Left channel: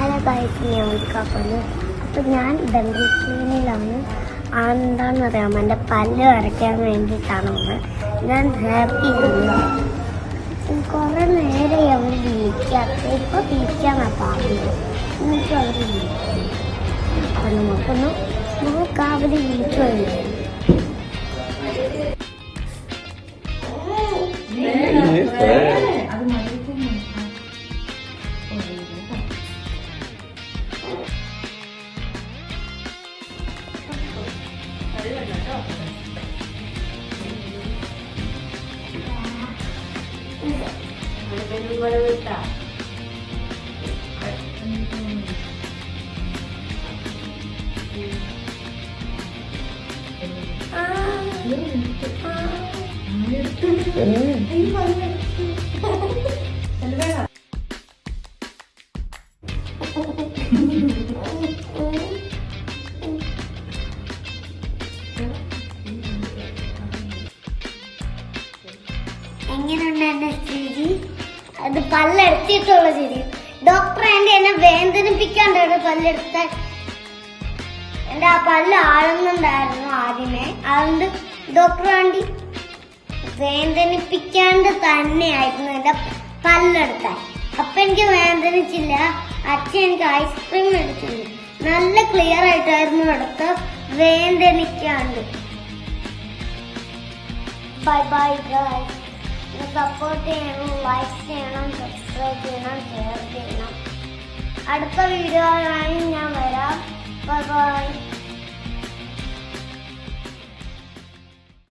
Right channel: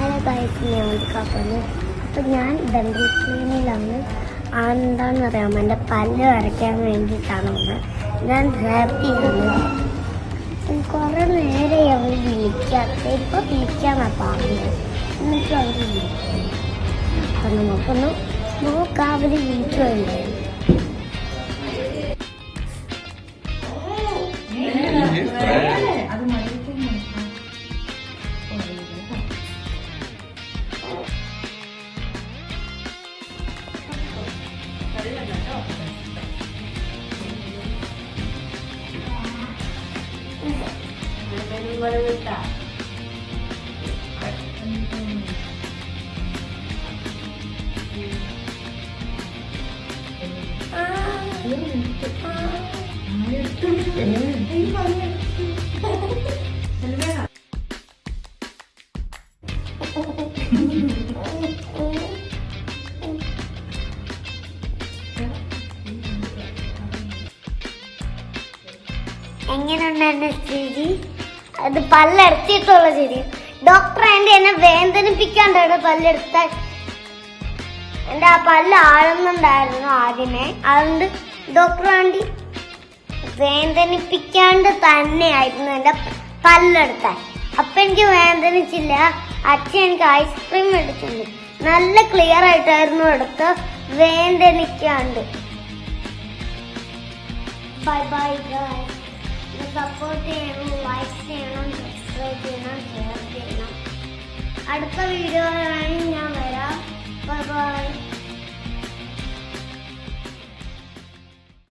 Hello guys, ഞാൻ വിളിക്കാപ്പല്. അപ്പം ഞാൻ ഡെന്റൽ ക്ലീനിലാണ്. എന്താണെന്ന് അറിയാമോ, എൻ്റെ പല്ല് വരയ്ക്കാൻ വേണ്ടിയിട്ടാണ് വന്നത്. ഞാൻ ഹാപ്പിയാണ്. കുറേ നേരെ അവർ വിളിക്കാത്ത, ഇപ്പോൾ വിളിക്കാന്നാണ് പറഞ്ഞത്. എന്നിട്ട് അവർ വിളിക്കും. അപ്പം നമുക്കൊന്ന് നോക്കാം അവർ വിളിക്കുമല്ലോ. എങ്ങനെയുണ്ട് എന്റെ സ്ഥിതി? അത് പല്ലടച്ചിട്ടുള്ള സ്ഥിതി. ഡോക്ടർ എന്നെ വേദനിപ്പിക്കാണ്ടാണ് പല്ലെടുത്ത. എന്റെ ആ പല്ല് ആളുന്നുണ്ടായിരുന്നു ആദ്യമേ, അതുകൊണ്ട് ഡോക്ടർ വേണ്ടി വേദനിപ്പിക്കാണ്ട് തന്നെയായിരുന്നു എന്റെ പല്ലെടുത്താൻ. അപ്പൊ എനിക്ക് വേദനിച്ചില്ല. അച്ഛൻ എനിക്ക് ഐസ്ക്രീം എടുത്തില്ല. നല്ല ക്ലിയർ ആയിട്ടായിരുന്നു എടുത്ത്, വേദനിക്കാണ്ട്. Bye bye guys. സപ്പോർട്ട് ചെയ്യണം, ലൈക്ക് ചെയ്യണം, സബ്സ്ക്രൈബ് ചെയ്യണം, ഷെയർ ചെയ്യണം. അടുത്ത വീഡിയോ ഞാൻ വരാം. Bye by.